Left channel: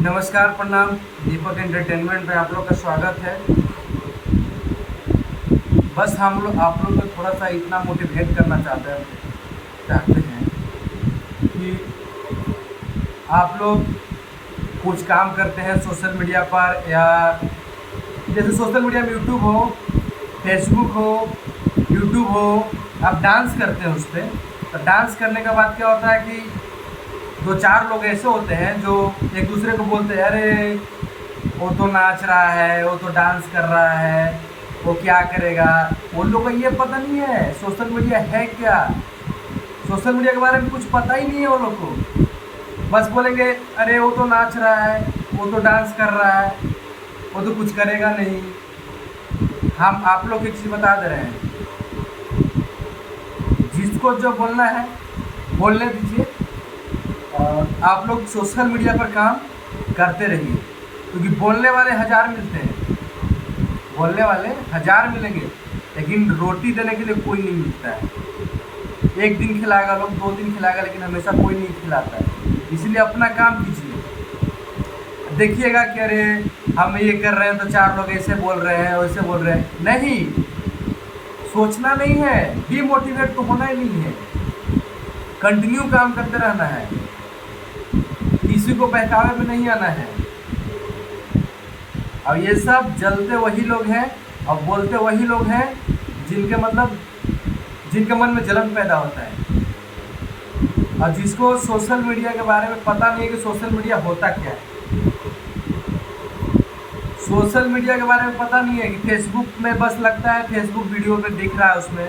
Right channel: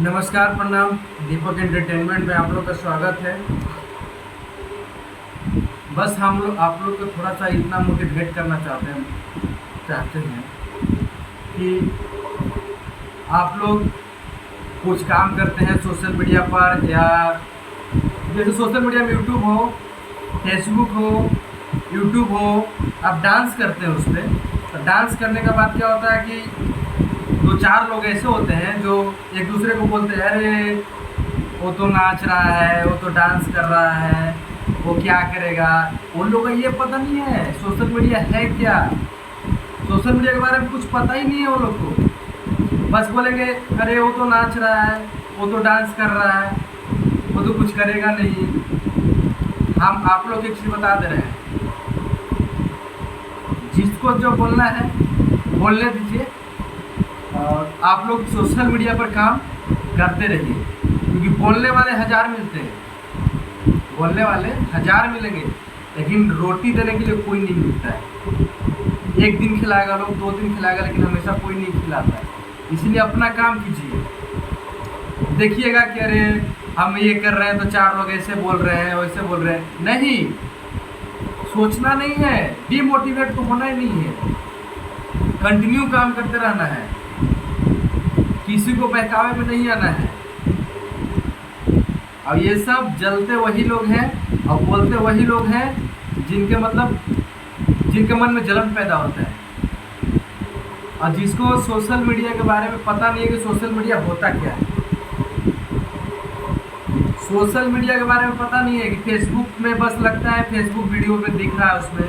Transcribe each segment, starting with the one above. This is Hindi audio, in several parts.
नमस्कार, प्रणाम। दीपक एंटरटेनमेंट में आप लोग का स्वागत है। बस हम लोग आप लोग को थोड़ा सा इतना मोटिवेट करना चाहते हैं कि आप लोग कुछ काम करते हैं सोशल मीडिया पर, या जैसे सोशल मीडिया में यूट्यूब हो, फेसबुक हो, यूट्यूब हो, आप डांस करते हैं उस पर। तो डांस करने के बाद क्या होता है कि दो चार लोग ऐसे होते हैं जो एक दूसरे को बोलते हैं, अरे वो तो नाच रहा है, वो तो डांस कर रहा है, वो क्या करेगा। उन लोगों को ये पता नहीं है सोशल मीडिया है क्या। सोशल मीडिया के बारे में कुछ पता ही नहीं है वो लोग को। बस बोलेंगे अरे वो तो नाच रहा है, वो तो डांस कर रहा है, वो तो कुछ करेगा नहीं। हम आप लोग एक चीज़ बता दे रहे हैं, जिसको जो बोलना है बोलने दीजिए। और आप लोग सोशल मीडिया पर काम करते रहिए, क्योंकि बोलने वाले हज़ार मिलते हैं, बोलने वाले हज़ार मिलेंगे, लेकिन रोटी देने के लिए कोई नहीं मिलता है। एक दिन खिलाएगा लोग, 2 दिन खिलाएगा, लेकिन हमेशा कोई नहीं खिलाता है। इसलिए अपना काम कीजिए। देखिएगा कि अरे हम ये कर रहे हैं तो 4 लोग ऐसे बोल रहे हैं, वैसे बोल रहे हैं। नहीं, सोचना नहीं है, डीमोटिवेट तो होना ही नहीं है, कंटिन्यू काम करते रहना है, किसी को बहकावे में नहीं आना है। और ये सब जलते वही लोग हैं और बोलते वही लोग हैं जिनके मन में जलन पैदा होता है। और जिसको सोशल मीडिया के बारे में पता नहीं है कि सोशल मीडिया होता क्या है। सोशल मीडिया के बारे में पता नहीं है कि फेसबुक में बस लगता है फेसबुक वीडियो पे दिख रहा है, उसमें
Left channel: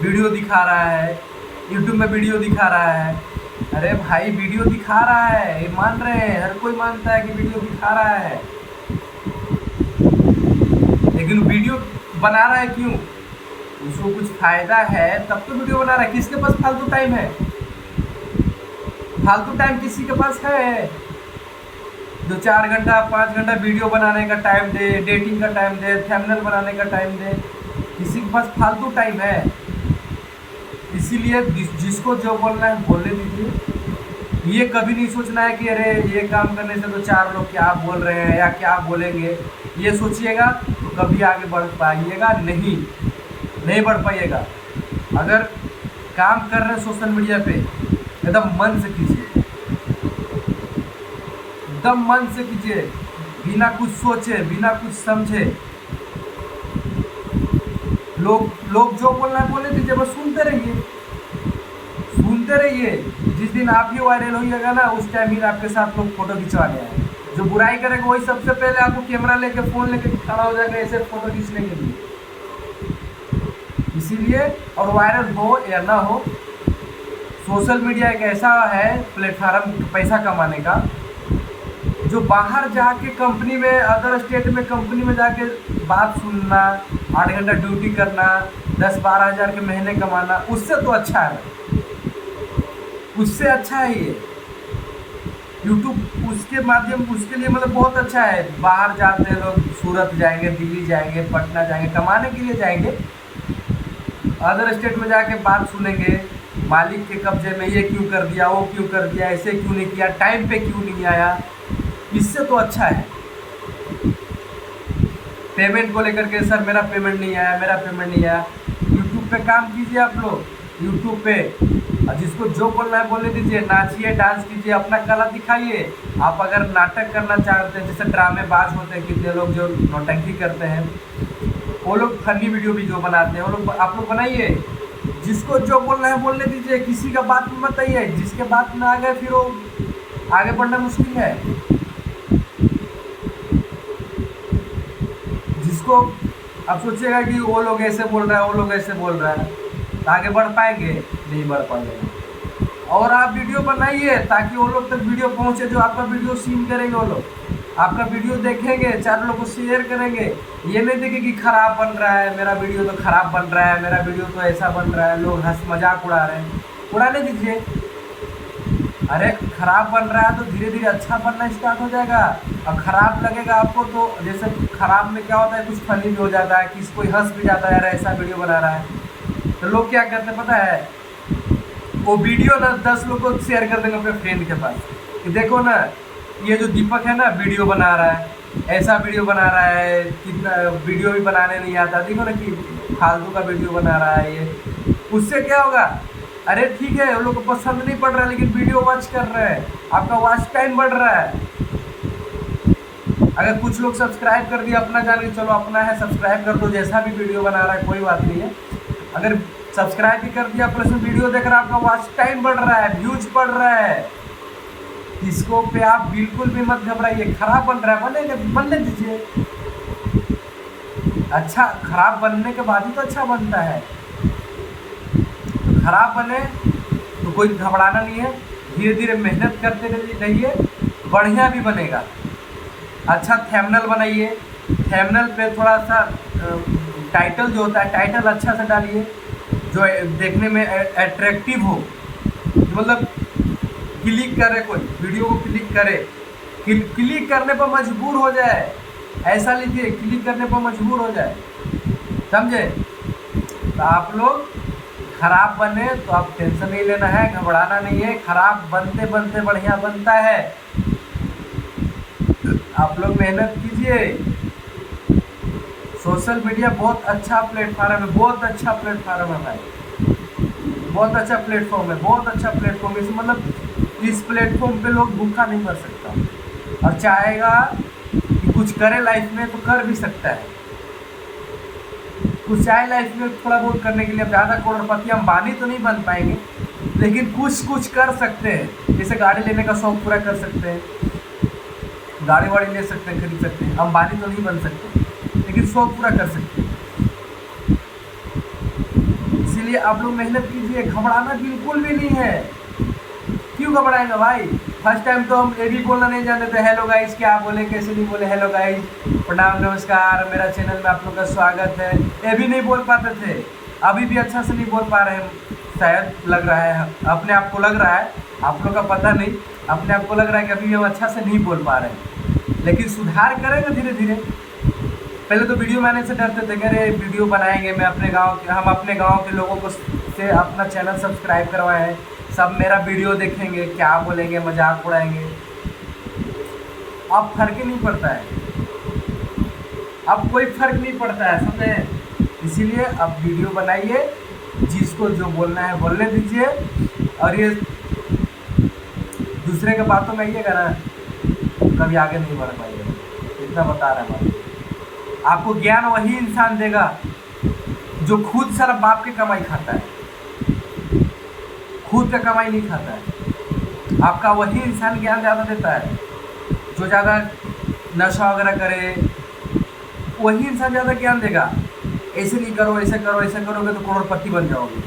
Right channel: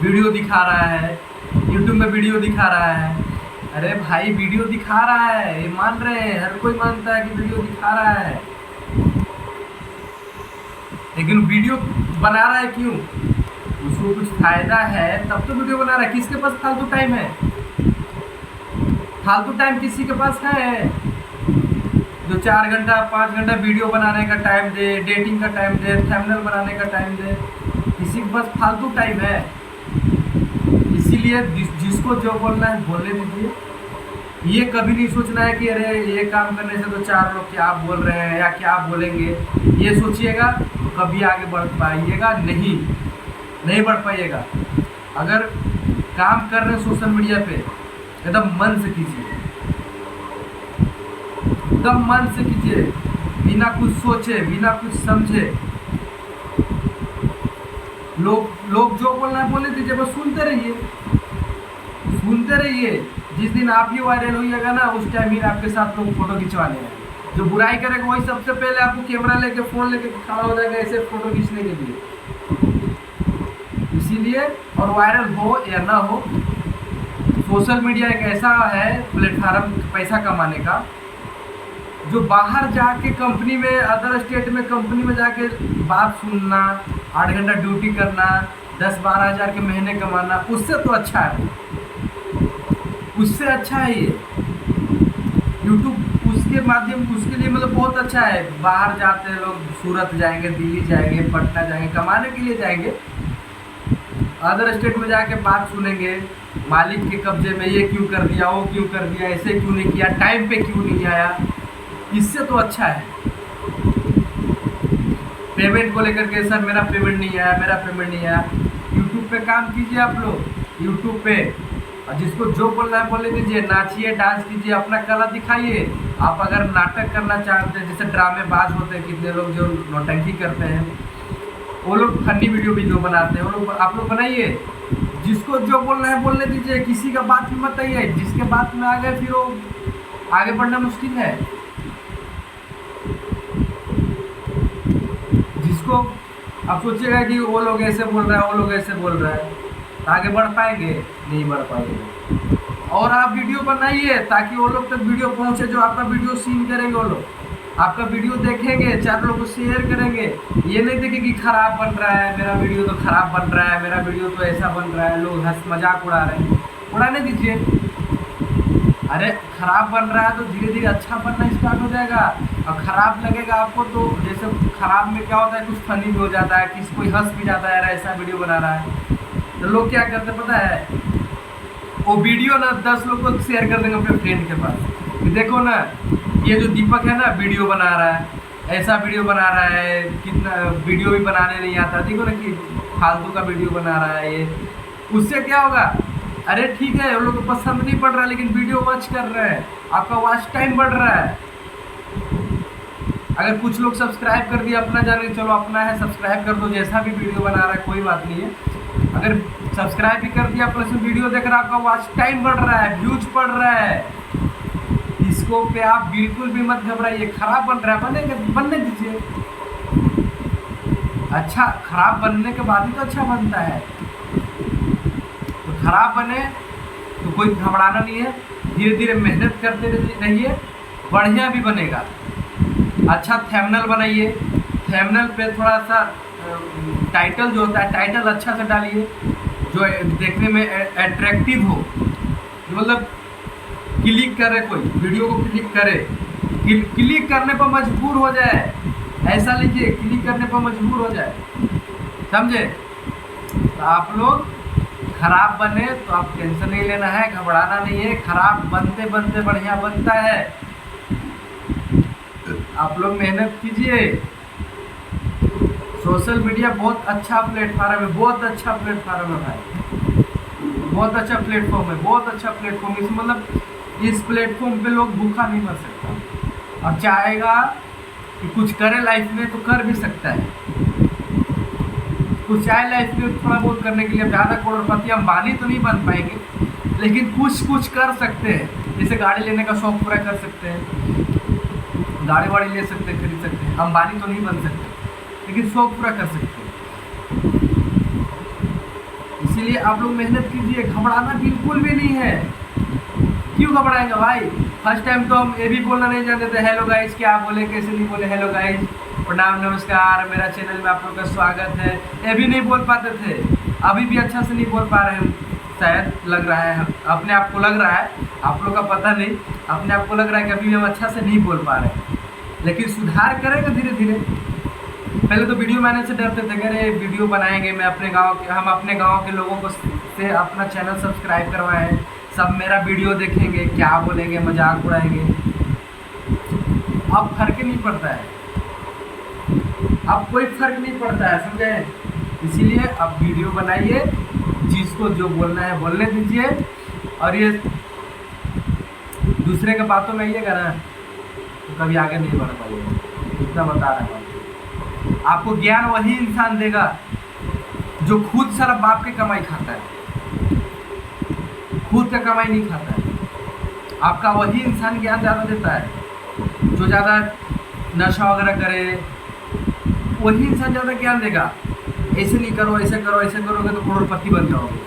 वीडियो दिखा रहा है, यूट्यूब में वीडियो दिखा रहा है। अरे भाई, वीडियो दिखा रहा है, ये मान रहे हैं, हर कोई मानता है कि वीडियो दिखा रहा है, लेकिन वीडियो बना रहा है क्यों? उसको कुछ फायदा है तब तो वीडियो बना रहा है। किसके पास फालतू टाइम है? फालतू टाइम किसी के पास है जो 4 घंटा 5 घंटा वीडियो बनाने का टाइम दे, डेटिंग का टाइम दे, थंबनेल बनाने का टाइम दे? किसी के पास फालतू टाइम है? इसीलिए जिसको जो बोलना है बोलने दीजिए। ये कभी नहीं सोचना है कि अरे ये काम करने से तो 4 लोग क्या बोल रहे हैं या क्या बोलेंगे। ये सोचिएगा तो कभी आगे बढ़ पाइएगा नहीं बढ़ पाइएगा। अगर काम कर रहे हैं सोशल मीडिया पे, एकदम मन से कीजिए, एकदम मन से कीजिए, बिना कुछ सोचे, बिना कुछ समझे। लोग जो बोलना है बोलने दीजिए, बस सुनते रहिए। जिस दिन आप ही वायरल होइएगा ना, उस टाइम ही आपके साथ लोग फोटो खिंचवाने हैं। जो बुराई करेगा वही सबसे पहले आपको कैमरा लेके, फोन लेके खड़ा हो जाएगा ऐसे फोटो खींचने के लिए। इसीलिए, और वायरल हो या ना हो, सोशल मीडिया एक ऐसा है प्लेटफार्म पैसा कमाने का, जो बाहर जाके कंपनी में, अदर स्टेट में कंपनी में जाके बात सुनना, 8 घंटा ड्यूटी करना, 10-12 हज़ार के महीने कमाना, उससे तो अच्छा है, उससे अच्छा है ये यूट्यूब। उसके माध्यम, उसके लिए मतलब बहुत अच्छा है। बाहर जाते हैं लोग, सूरत जाएंगे, दिल्ली जाएंगे, पटना जाएंगे, कमाने के लिए जाएंगे। अदर स्टेट में जाके बात सुनेंगे, मालिक के कब्जे में ये क्यों कर दिया, वो क्यों कर दिया, ऐसे क्यों नहीं किया, टाइम पे क्यों नहीं आया। इससे तो अच्छा है। पेमेंट को लेकर के, सर मेरा पेमेंट नहीं आया, मेरा पेमेंट नहीं आया। यूट्यूब पे काम कीजिए आप लोग, यूट्यूब पे, और जिसको जो बोलना है बोलने दीजिए। नाचिए, डांस कीजिए, अपना कला दिखाइए। आप अगर नाटक करना चाहते हैं, जैसे ड्रामेबाज होते हैं कितने लोग जो नौटंकी करते हैं, वो लोग फनी वीडियो भी जो बनाते हैं, वो लोग आप लोग बनाइए। जिसको जो बोलना है बोलने दीजिए, किसी का बात में मत आइए। जिसके बात में आ गए फिर वो आगे बढ़ना मुश्किल है। जिसको आप सोचिएगा कि वो लोग ऐसे बोल रहा है, वो लोग ऐसे बोल रहा है, तो आगे बढ़ पाएंगे? नहीं बढ़ पाएंगे। और आप वीडियो बनाइए ताकि वो लोग तक वीडियो पहुंचे जो आपका वीडियो सीन करेंगे। वो लोग आपका वीडियो देखेंगे, 4 लोगों को शेयर करेंगे। ये नहीं देखें कि खराब बन रहा है, मेरा वीडियो तो खराब बन रहा है, मेरा वीडियो तो ऐसा बन रहा है, लोग हंस मजाक उड़ा रहे हैं। उड़ाने दीजिए। अरे खराब बन रहा है तो धीरे धीरे अच्छा बनना स्टार्ट हो जाएगा। और ख़राब लगेगा आपको तो, जैसे ख़राब में क्या होता है, कुछ फनी भी हो जाता है, किसी कोई हंस भी जाता है, यार ऐसा वीडियो बना रहा है। तो लोग क्या करते हैं पता है, वो वीडियो ना 10 लोग को शेयर कर देंगे अपने फ्रेंड के पास। कि देखो ना, ये जो दीपक है ना वीडियो बना रहा है, ऐसा वीडियो बना रहा है, कितना वीडियो भी बनाने नहीं आता, देखो ना कि फालतू का वीडियो बना रहा है ये। उससे क्या होगा? अरे ठीक है, उन लोग को पसंद नहीं पड़ रहा, लेकिन वीडियो वॉच कर रहे हैं, आपका वॉच टाइम बढ़ रहा है। अगर कुछ लोग सब्सक्राइब कर दिया अपना जान के, चलो अपना है सब्सक्राइब कर दो, जैसा भी वीडियो बना रहा है कोई बात नहीं है। अगर सब्सक्राइब भी कर दिया प्लस में वीडियो देख रहा है, आपका वॉच टाइम बढ़ रहा है, व्यूज बढ़ रहा है, इसको पे आप बिल्कुल भी मत घबराइए। खराब बन रहा है, बनेगा, बनने दीजिए। अच्छा, खराब बनने के बाद ही तो अच्छा बनता है। तो खराब बने तो कोई घबराना नहीं है, धीरे धीरे मेहनत करते रहिए, बढ़िया भी बनेगा। अच्छा थंबनेल बनाइए, थंबनेल पे थोड़ा सा टाइटल जो होता है, टाइटल अच्छा से डालिए जो देखने में अट्रैक्टिव हो, मतलब क्लिक करे, कोई वीडियो को क्लिक करे, क्लिक करने पर मजबूर हो जाए, ऐसा लीजिए क्लिक करने पर मजबूर हो जाए, समझे? तो आप लोग खराब बने तो आप टेंशन नहीं लेना है, घबराना नहीं है। खराब बनते बनते बढ़िया बनता है। आप लोग मेहनत कीजिए। सोशल मीडिया बहुत अच्छा प्लेटफॉर्म है, बहुत अच्छा प्लेटफॉर्म है भाई, बहुत अच्छा प्लेटफॉर्म है, बहुत अच्छा प्लेटफॉर्म। इस मतलब इस प्लेटफॉर्म पे लोग भूखा नहीं मर सकता, और चाहेगा कि कुछ करे लाइफ में तो कर भी सकता है। कुछ चाहे लाइफ में थोड़ा बहुत करने के लिए, ज़्यादा करोड़पति अंबानी तो नहीं बन पाएंगे, लेकिन कुछ कर सकते हैं। जैसे गाड़ी लेने का शौक पूरा कर सकते हैं, गाड़ी वाड़ी ले सकते हैं, खरीद सकते हैं। अंबानी तो नहीं बन सकते, लेकिन शौक पूरा कर सकते हैं। इसीलिए आप लोग मेहनत कीजिए, घबराना बिल्कुल भी नहीं है। क्यों घबराएंगे भाई? फर्स्ट टाइम तो हम ये भी बोलना नहीं जानते थे, हेलो गाइस, क्या बोले कैसे नहीं बोले, हेलो गाइस, प्रणाम, नमस्कार, मेरा चैनल में आप लोग का स्वागत है, ये भी नहीं बोल पाते थे। अभी भी अच्छा से नहीं बोल पा रहे हम, शायद लग रहा है, अपने आप को लग रहा है, आप लोग का पता नहीं, अपने आप को लग रहा है कि अभी भी हम अच्छा से नहीं बोल पा रहे, लेकिन सुधार करेंगे धीरे धीरे। पहले तो वीडियो बनाने से डरते थे, कह रहे वीडियो बनाएंगे, मैं अपने गाँव के, हम अपने गाँव के लोगों को से अपना चैनल सब्सक्राइब करवाए हैं, सब मेरा वीडियो देखेंगे, क्या बोलेंगे, मजाक उड़ाएंगे। अब फर्क ही नहीं पड़ता है, अब कोई फर्क नहीं पड़ता है, समझे? इसीलिए अब वीडियो बनाइए, जिसको जो बोलना है बोलने दीजिए, और ये दूसरे के बातों में आइएगा ना, कभी आगे नहीं बढ़ पाइएगा, इतना बता रहा हूँ। आपको ज्ञान वही इंसान देगा जो खुद सारा बाप के कमाई खाता है, खुद का कमाई नहीं खाता है। आपका वही इंसान ज्ञान ज़्यादा देता है, जो ज़्यादा नशा वगैरह करे, वही इंसान ज़्यादा ज्ञान देगा। ऐसे नहीं करो, ऐसे करो, ऐसे करोगे तो करोड़पति बन जाओगे।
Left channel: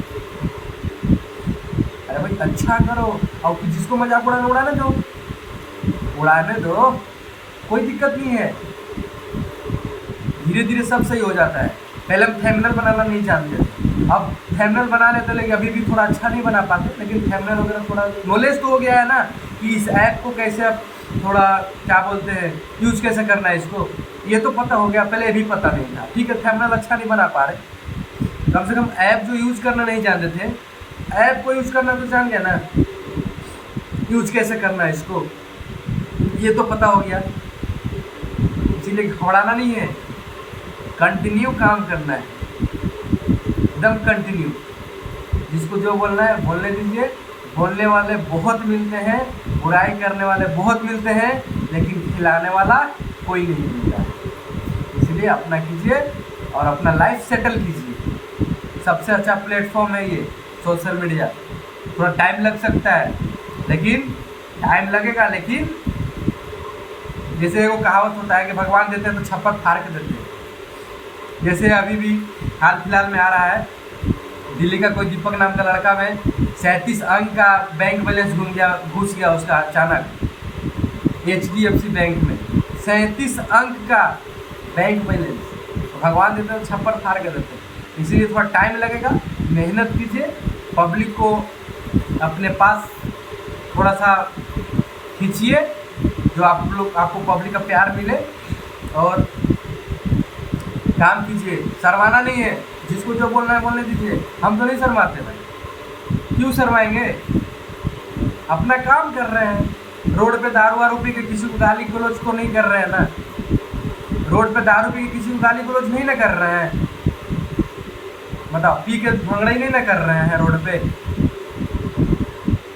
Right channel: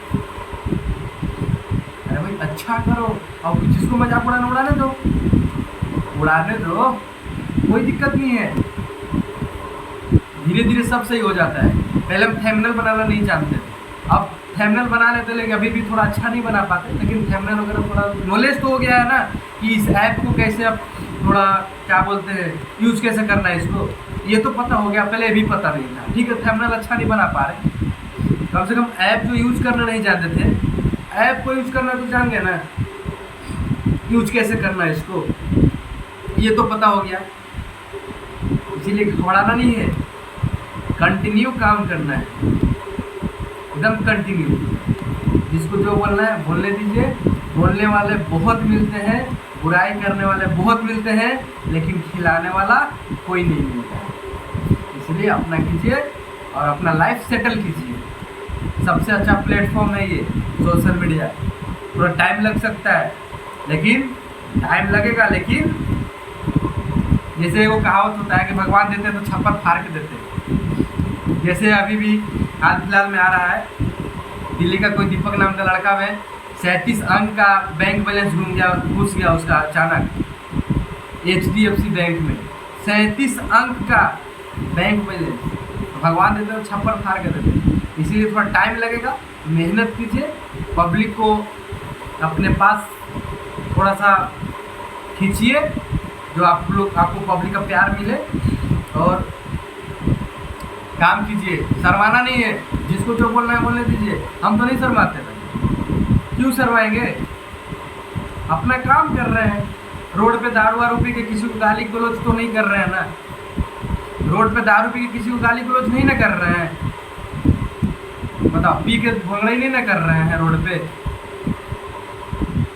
अरे भाई अच्छा करो, और जिसको मजाक उड़ाने दो, उड़ाने दो, कोई दिक्कत नहीं है। धीरे धीरे सब सही हो जाता है। पहले हम थंबनेल बनाना नहीं जानते, अब थंबनेल बना लेते, लेकिन अभी भी थोड़ा अच्छा नहीं बना पाते, लेकिन थंबनेल वगैरह थोड़ा नॉलेज तो हो गया है ना, कि इस ऐप को कैसे अब थोड़ा क्या बोलते हैं, यूज कैसे करना है इसको, ये तो पता हो गया, पहले भी पता नहीं था। ठीक है, थंबनेल अच्छा नहीं बना पा रहे, कम से कम ऐप जो यूज करना नहीं जानते थे, ऐप को यूज करना तो जान गया ना, यूज कैसे करना है इसको, ये तो पता हो गया। इसीलिए घबराना नहीं है, कंटिन्यू काम करना है, एकदम कंटिन्यू। जिसको जो बोलना है बोलने दीजिए। बोलने वाले बहुत मिलते हैं, बुराई करने वाले बहुत मिलते हैं, लेकिन खिलाने वाला कोई नहीं मिलता। इसलिए अपना कीजिए और अपना लाइफ सेटल कीजिए। सबसे अच्छा प्लेटफॉर्म है ये सोशल मीडिया। थोड़ा टाइम लग सकता है, लेकिन टाइम लगेगा, लेकिन जैसे वो कहावत होता है कि भगवान देते हैं तो छप्पर फाड़ के देते हैं। जैसे अभी भी हाल फिलहाल में आ रहा है, दिल्ली का कोई दीपक नाम का लड़का में 37 अंक का बैंक बैलेंस घुस गया उसका अचानक, HDFC बैंक में 37 अंक का बैंक बैलेंस। तो भगवान देते हैं तो छप्पर फाड़ के देते हैं। इसीलिए थोड़ा टाइम लगेगा, मेहनत कीजिए, पब्लिक को अपने पास थोड़ा सा खींचिए, जो आपको पब्लिक का प्यार मिले, और काम कीजिए। शर्माना नहीं है, जिसको जो बोलना है बोलने दीजिए। हम तो नहीं शर्माते भाई, क्यों शर्माएंगे? अपना काम कर रहे हैं, रोड पे दारू वारू पी के किसी को गाली गलौज तो नहीं कर रहे हैं ना? रोड पे दारू पी के किसी को गाली गलौज नहीं ना कर रहे हैं? बताओ, पी के भंगड़ा ही नहीं ना कर रहे हैं रोड पे?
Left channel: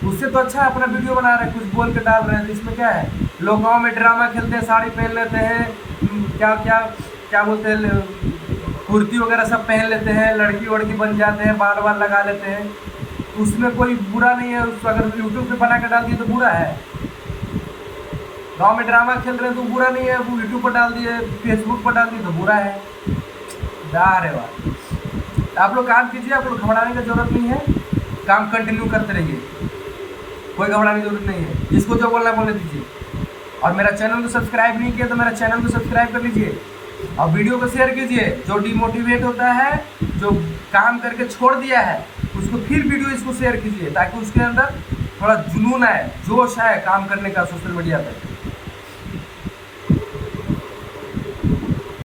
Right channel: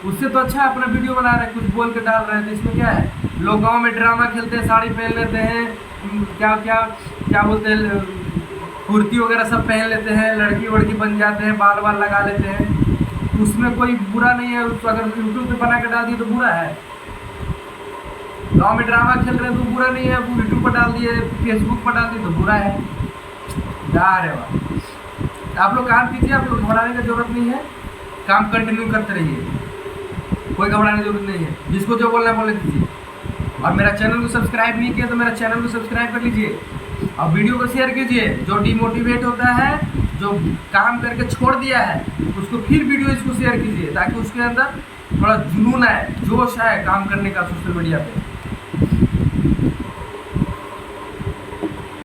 उससे तो अच्छा अपना वीडियो बना रहे हैं, कुछ बोल के डाल रहे हैं, तो इसमें क्या है? लोग गाँव में ड्रामा खेलते हैं, साड़ी पहन लेते हैं, क्या क्या क्या बोलते हैं, कुर्ती वगैरह सब पहन लेते हैं, लड़की वड़की बन जाते हैं, बाल वाल लगा लेते हैं, तो उसमें कोई बुरा नहीं है। उसको अगर यूट्यूब पे बना के डाल दिए तो बुरा है? गांव में ड्रामा खेल रहे हैं तो बुरा नहीं है, वो यूट्यूब पर डाल दिए, फेसबुक पर डाल दिए तो बुरा है? अरे वाह! आप लोग काम कीजिए, आप लोग घबराने की जरूरत नहीं है, काम कंटिन्यू करते रहिए, कोई घबराने की जरूरत नहीं है। जिसको जो बोलना है बोलने दीजिए। और मेरा चैनल को सब्सक्राइब नहीं किया तो मेरा चैनल को सब्सक्राइब कर लीजिए और वीडियो को शेयर कीजिए। जो डिमोटिवेट होता है, जो काम करके छोड़ दिया है, उसको फिर वीडियो इसको शेयर कीजिए ताकि उसके अंदर थोड़ा जुनून आए, जोश आए काम करने का सोशल मीडिया पे।